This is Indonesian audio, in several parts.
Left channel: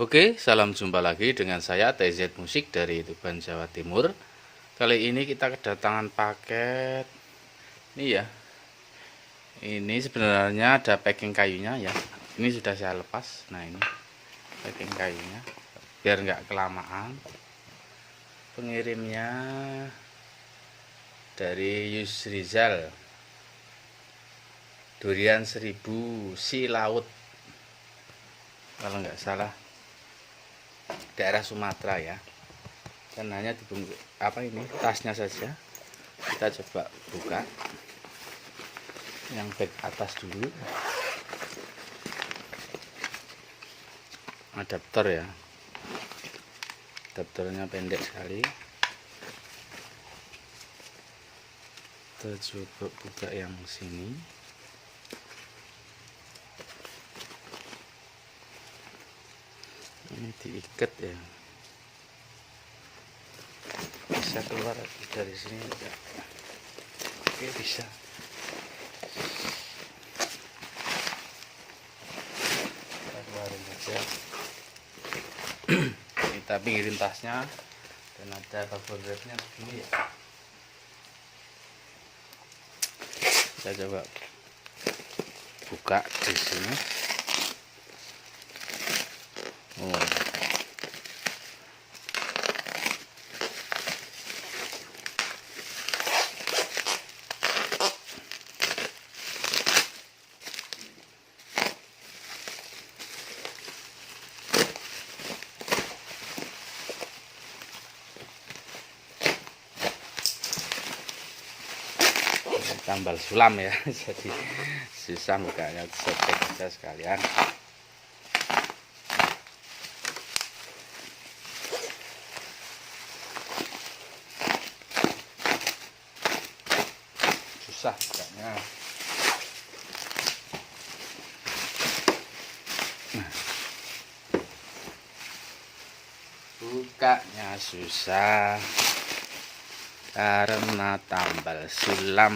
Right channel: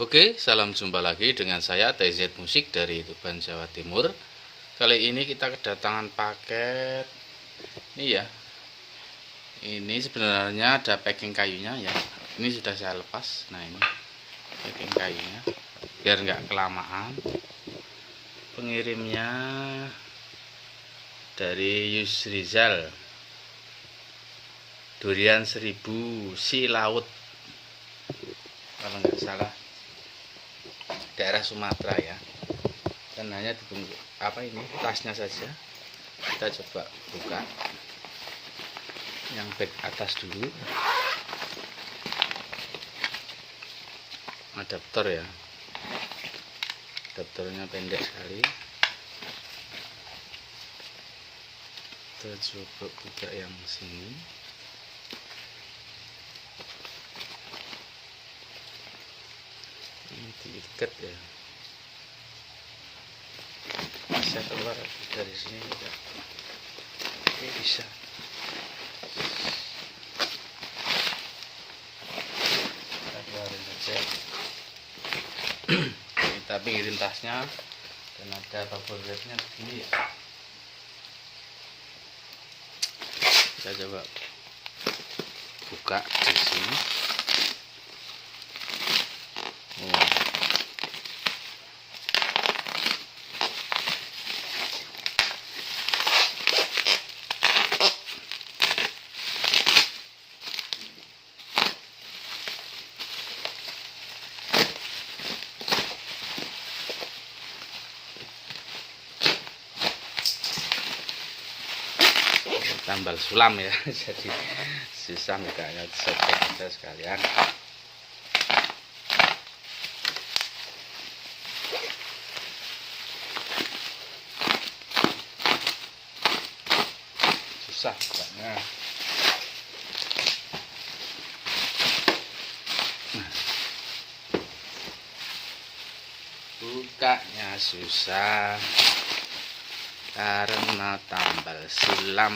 Oke, salam jumpa lagi dengan saya TZ Musik dari Tuban, Jawa Timur. Kali ini kita kedatangan paket. Ini ya. Ini sebenarnya ada packing kayunya ya. Ini sudah saya lepas. Nah, ini packing kayunya biar nggak kelamaan. Pengirimnya dari Yusrizal. Durian 1000 si laut. Kalau nggak salah daerah Sumatera ya. Dan hanya dibungkus ini tasnya saja. Kita coba buka yang back atas dulu. Adaptor ya, adaptornya pendek sekali. Kita coba buka yang sini. Ini diikat ya, bisa keluar dari sini juga. Oke, bisa. Kita keluarin aja. Kita pinggirin tasnya dan ada bubble wrapnya begini ya. Kita coba buka di sini. Tambal sulam ya, jadi susah bukanya, saya sekalian. Susah bukanya. Bukanya susah karena tambal sulam.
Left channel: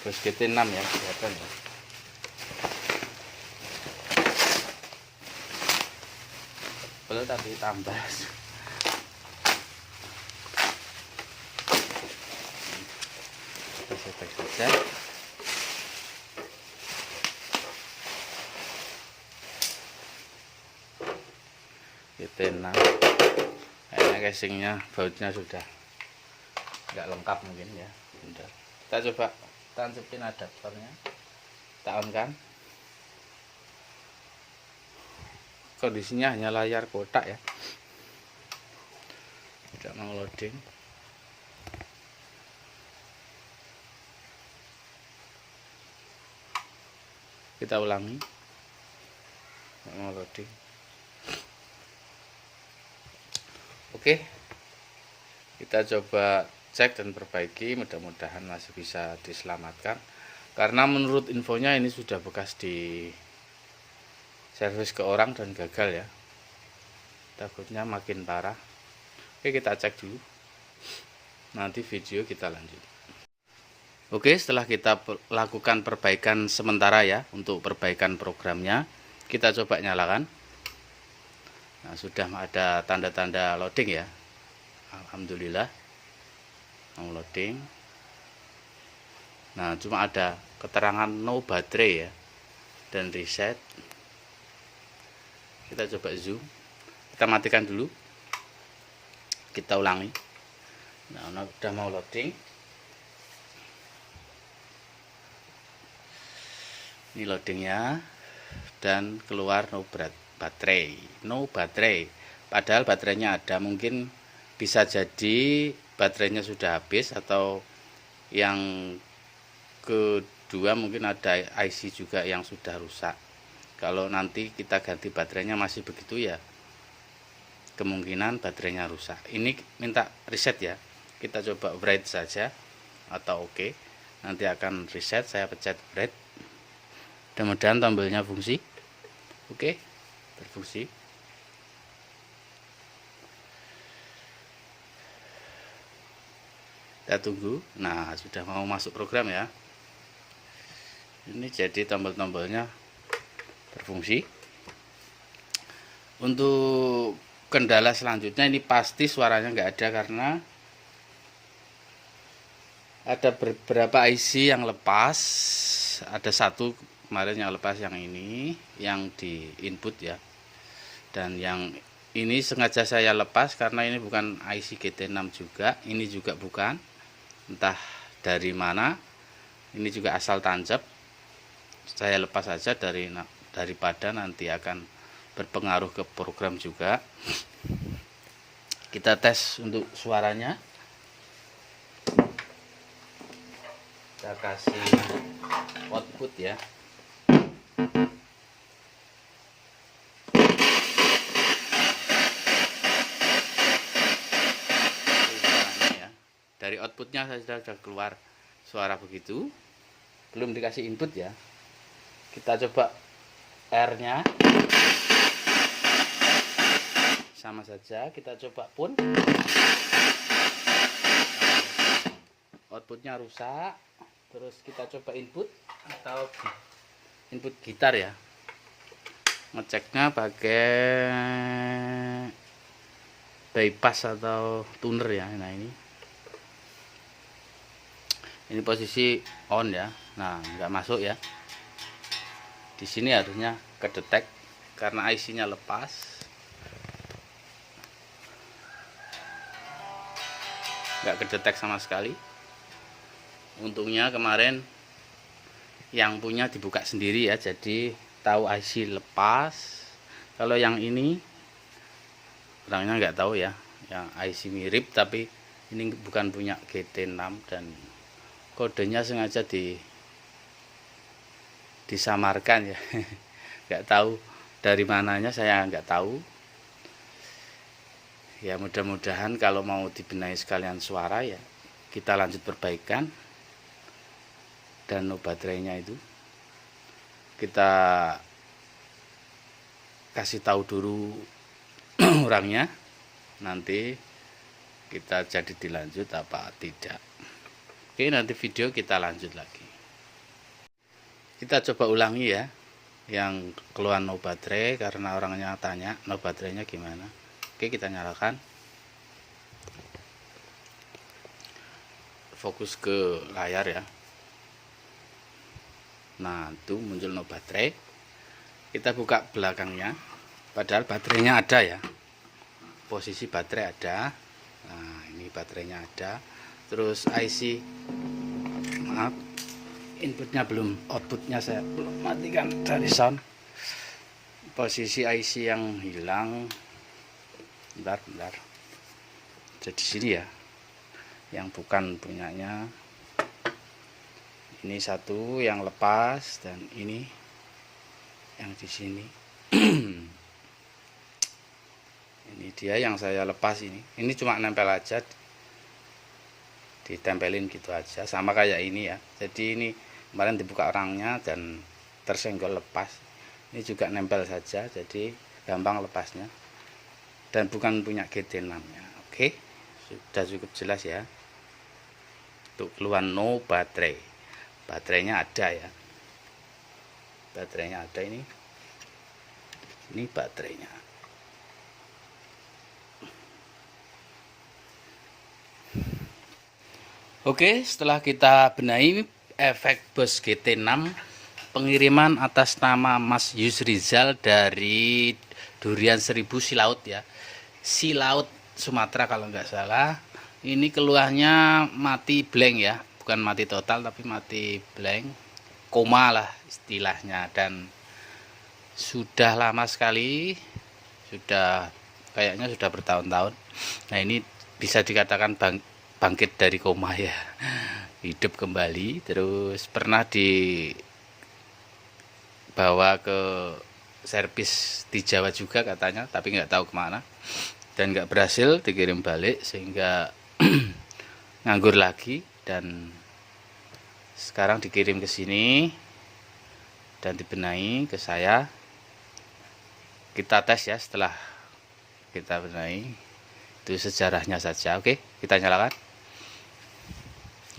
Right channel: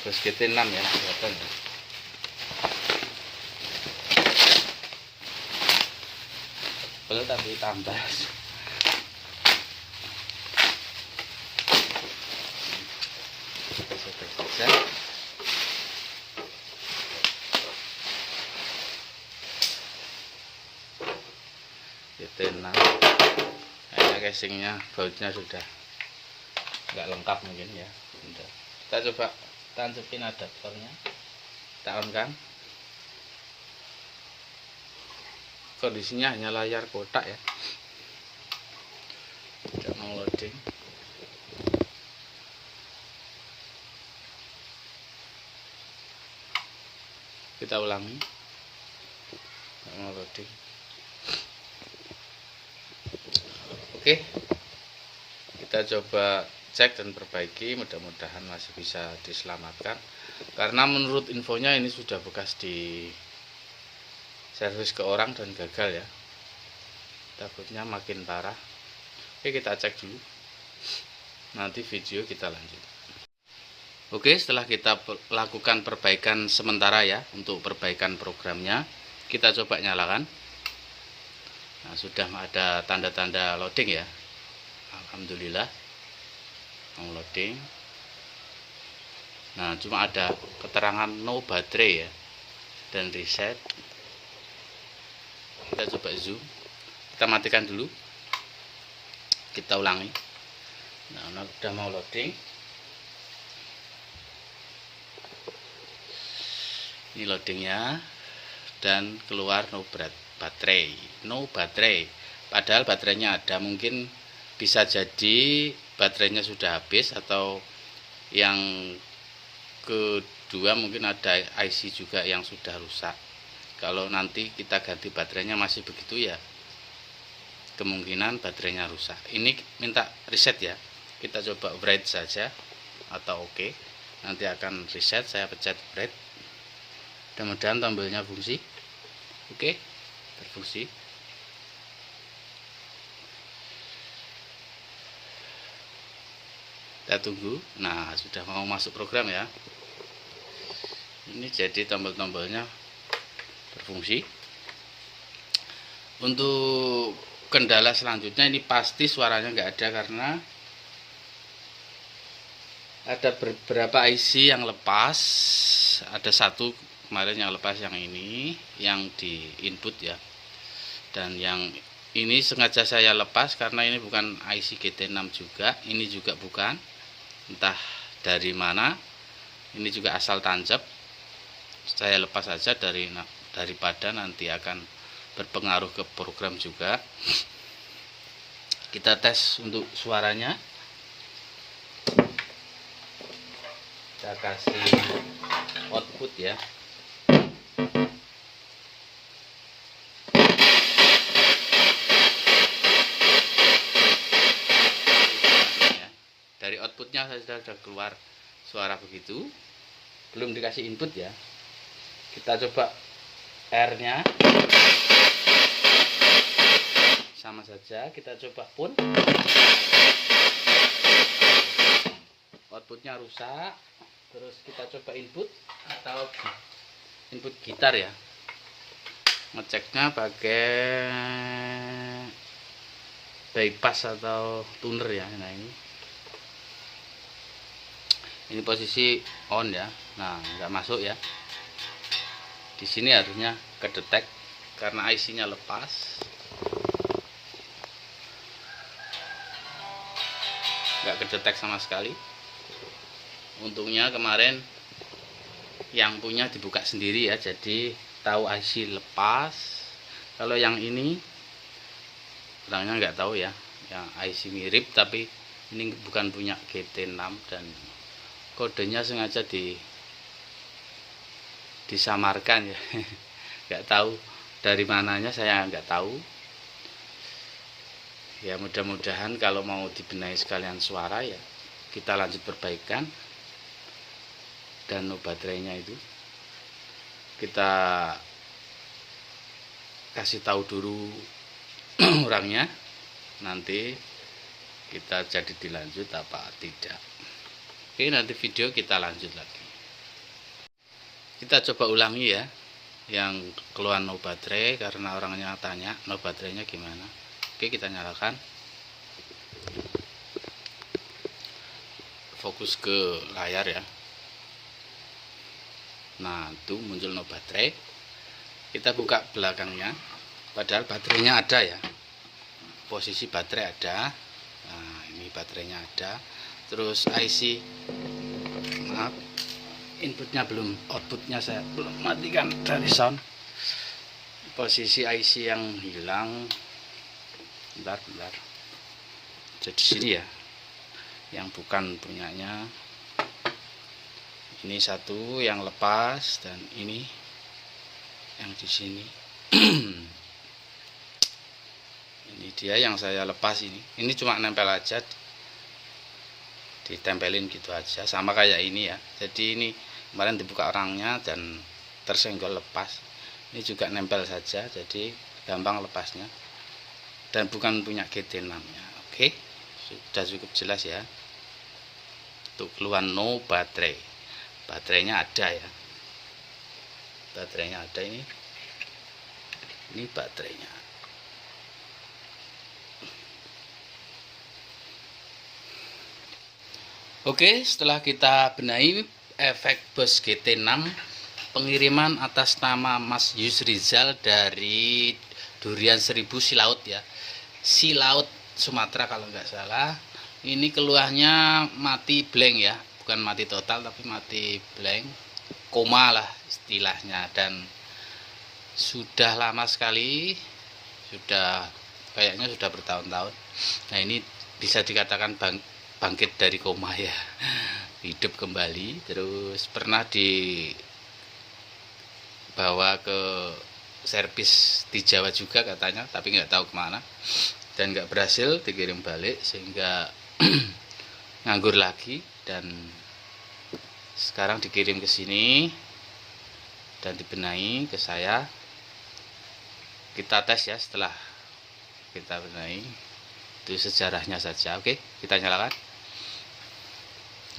Terus kita 6 ya, kelihatan ya. Tebel tapi tambah. Kita sobek saja. Kita 6. Kayaknya casingnya, bautnya sudah nggak lengkap mungkin ya. Bentar. Kita coba tancapin adaptornya, kita on kan. Kondisinya hanya layar kotak ya, tidak mau loading. Kita ulangi, tidak mau loading. Oke, kita coba cek dan perbaiki, mudah-mudahan masih bisa diselamatkan, karena menurut infonya ini sudah bekas di servis ke orang dan gagal ya, takutnya makin parah. Oke, kita cek dulu, nanti video kita lanjut. Oke, setelah kita lakukan perbaikan sementara ya, untuk perbaikan programnya, kita coba nyalakan. Nah, sudah ada tanda-tanda loading ya, alhamdulillah mau loading. Nah, cuma ada keterangan no baterai ya, dan reset. Kita coba zoom, kita matikan dulu, kita ulangi. Nah, udah mau loading. Ini loadingnya, dan keluar no baterai. Padahal baterainya ada, mungkin bisa jadi baterainya sudah habis, atau yang kedua mungkin ada IC juga yang sudah rusak. Kalau nanti kita ganti baterainya masih begitu ya, kemungkinan baterainya rusak. Ini minta reset ya, kita coba write saja atau oke. Nanti akan reset, saya pencet write. Mudah-mudahan tombolnya fungsi. Oke, berfungsi. Kita tunggu. Nah, sudah mau masuk program ya. Ini jadi tombol-tombolnya berfungsi. Untuk kendala selanjutnya, ini pasti suaranya nggak ada karena ada beberapa IC yang lepas. Ada satu kemarin yang lepas, yang ini yang di input ya, dan yang ini sengaja saya lepas karena ini bukan IC GT6 juga, ini juga bukan, entah dari mana, ini juga asal tancap. Saya lepas saja daripada nanti akan berpengaruh ke program juga. Kita tes untuk suaranya. Kita kasih output ya. Dari outputnya sudah keluar suara begitu, belum dikasih input ya. Kita coba R-nya, sama saja. Kita coba pun, outputnya rusak. Terus kita coba input atau input gitar ya. Ngeceknya pakai bypass atau tuner ya. Nah, ini posisi on ya. Nah, nggak masuk ya. Di sini harusnya kedetek karena IC-nya lepas. Nggak kedetek sama sekali. Untungnya kemarin yang punya dibuka sendiri ya, jadi tahu IC lepas. Kalau yang ini orangnya nggak tahu ya, yang IC mirip tapi ini bukan punya GT6 dan kodenya sengaja disamarkan ya. Nggak tahu dari mananya, saya nggak tahu ya. Mudah-mudahan kalau mau dibenahi sekalian suara ya, kita lanjut perbaikan. Dan baterainya itu kita kasih tahu dulu orangnya, nanti kita jadi dilanjut apa tidak. Oke, nanti video kita lanjut lagi. Kita coba ulangi ya, yang keluar no baterai karena orangnya tanya no baterainya gimana. Oke, kita nyalakan, fokus ke layar ya. Nah, itu muncul no baterai. Kita buka belakangnya, padahal baterainya ada ya, posisi baterai ada. Nah, ini baterainya ada. Terus IC, maaf, inputnya belum, outputnya saya belum matikan dari sound. Posisi IC yang hilang, bentar. Jadi sini ya, yang bukan punyanya. Ini satu yang lepas dan ini yang di sini. Ini dia yang saya lepas ini. Ini cuma nempel aja, ditempelin gitu aja, sama kayak ini ya. Jadi ini kemarin dibuka orangnya dan tersenggol lepas. Ini juga nempel saja, jadi gampang lepasnya. Dan bukan punya GT6 ya. Oke, sudah cukup jelas ya. Untuk keluar no baterai, baterainya ada ya. Baterainya ada ini baterainya. Oke, setelah kita benahi efek bus GT6, pengiriman atas nama Mas Yusrizal dari Durian 1000 Silaut ya, Silaut Sumatera kalau nggak salah. Ini keluarnya mati blank ya, bukan mati total tapi mati blank, koma lah istilahnya. Dan sudah lama sekali, kayaknya sudah bertahun-tahun. Nah, ini bisa dikatakan bangkit dari koma ya, hidup kembali. Terus pernah dibawa ke servis di Jawa juga katanya, tapi nggak tahu kemana, dan nggak berhasil dikirim balik sehingga nganggur lagi. Dan sekarang dikirim ke sini dan dibenahi ke saya. Kita tes ya setelah kita benahi, itu sejarahnya saja. Oke, kita nyalakan.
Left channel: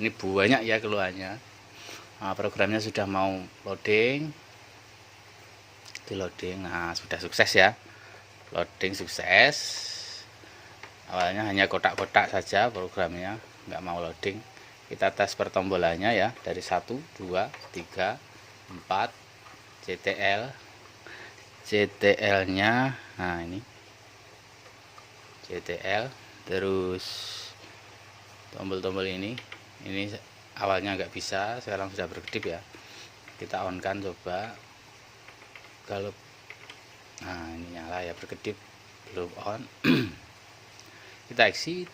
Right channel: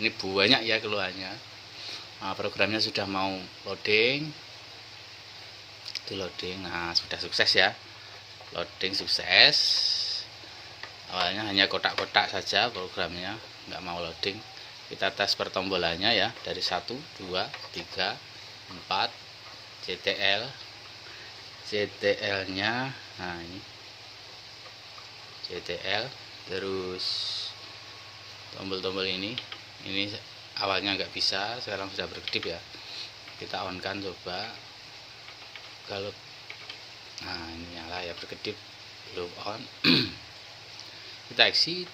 Ini banyak ya keluhannya. Nah, programnya sudah mau loading. Itu loading. Nah, sudah sukses ya. Loading sukses. Awalnya hanya kotak-kotak saja programnya, nggak mau loading. Kita tes pertombolannya ya, dari 1, 2, 3, 4 CTL nya. Nah, ini CTL, terus tombol-tombol ini awalnya nggak bisa, sekarang sudah berkedip ya. Kita on kan coba. Kalau ini nyala ya, berkedip, belum on. Kita exit.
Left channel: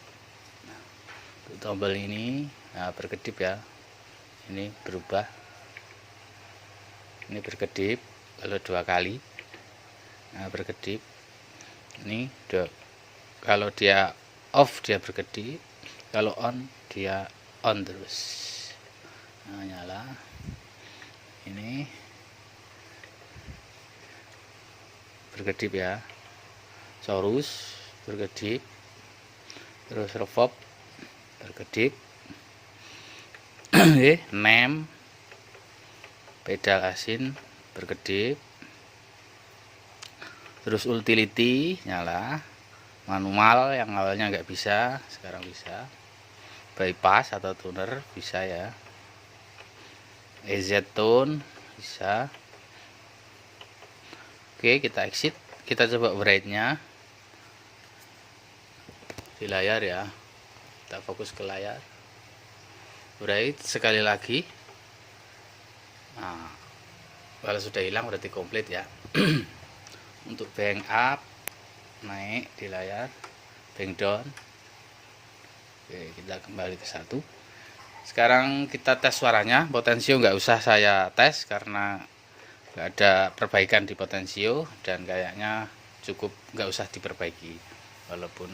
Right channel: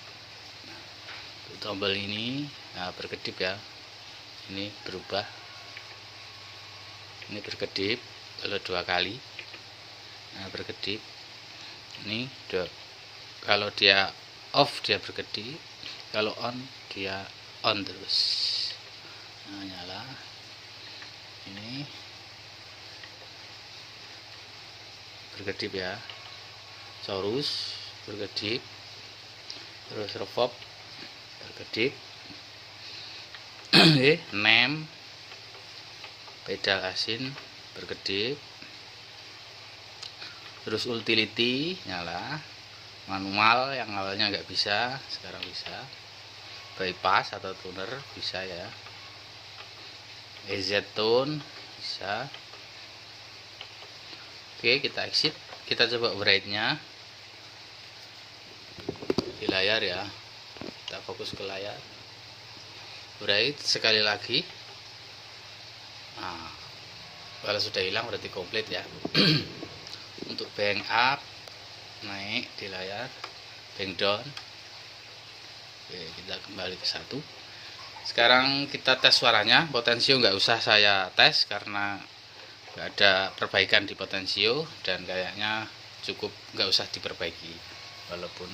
Tombol ini berkedip ya, ini berubah, ini berkedip kalau 2 kali. Berkedip ini kalau dia off dia berkedip, kalau on dia on terus. Nyala. Ini berkedip ya, Saurus berkedip, terus reverb berkedip. Nem pedal asin berkedip, terus utility nyala. Manual yang awalnya nggak bisa, sekarang bisa. Bypass atau tuner bisa ya. EZ tone bisa. Oke, kita exit. Kita coba bright-nya di layar ya. Kita fokus ke layar. Bright sekali lagi. Nah, kalau sudah hilang berarti komplit ya. Untuk bank up naik di layar, bank down. Oke, kita kembali ke 1. Sekarang kita tes suaranya. Potensio nggak usah saya tes karena nggak ada perbaikan di potensio, dan kayaknya cukup nggak usah diperbaiki, walaupun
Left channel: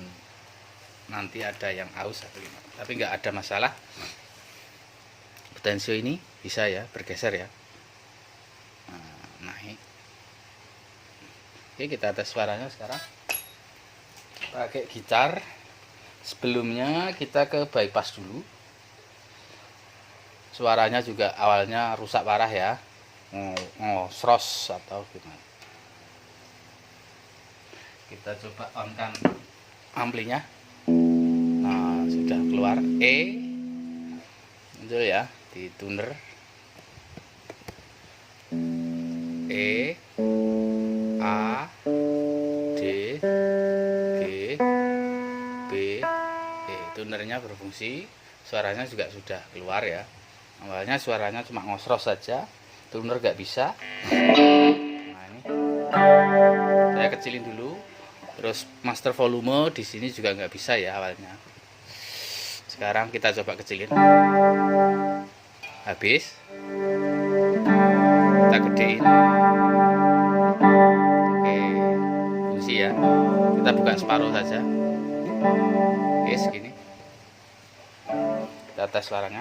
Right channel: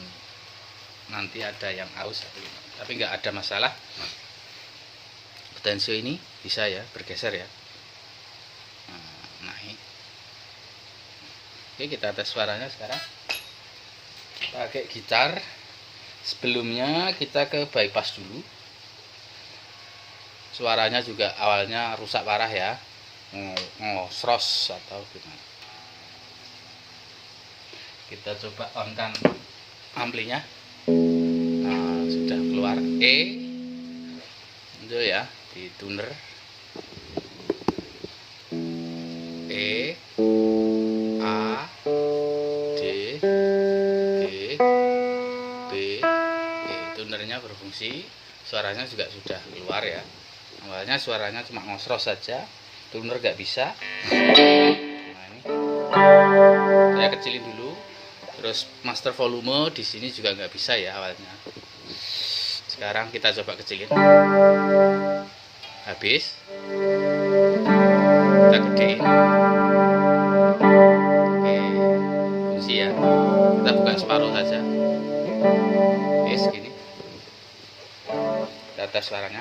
nanti ada yang aus tapi nggak ada masalah. Potensio ini bisa ya bergeser ya, naik. Oke, kita tes suaranya sekarang pakai gitar. Sebelumnya kita ke bypass dulu. Suaranya juga awalnya rusak parah ya, ngosros atau gimana. Kita coba on kan amplinya. Nah, sudah keluar itu ya, di tuner E, A, D, G, B. Tunernya berfungsi, suaranya juga sudah keluar ya. Awalnya suaranya cuma ngosros saja, tuner nggak bisa. Nah, ini saya kecilin dulu. Terus master volume di sini juga nggak bisa ya awalnya. Sekarang kita coba kecilin. Habis. Kita gedein. Oke, fungsi ya. Kita buka separuh saja. Oke, segini. Kita tes suaranya.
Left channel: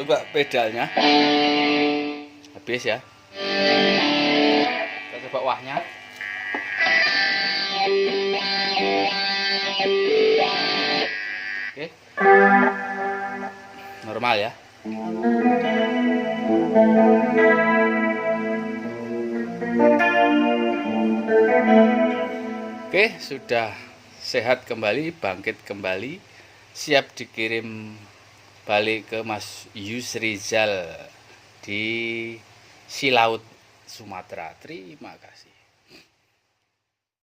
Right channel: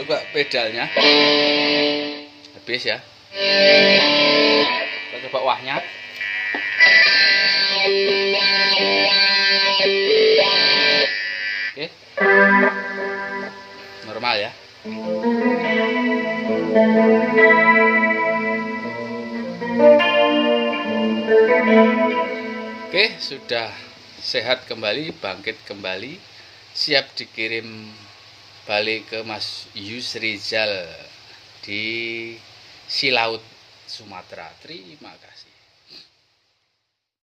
Coba pedalnya. Habis ya. Kita coba wahnya. Oke. Normal ya. Oke, sudah sehat kembali, bangkit kembali, siap dikirim balik ke Mas Yusrizal di Silaut, Sumatera. Terima kasih.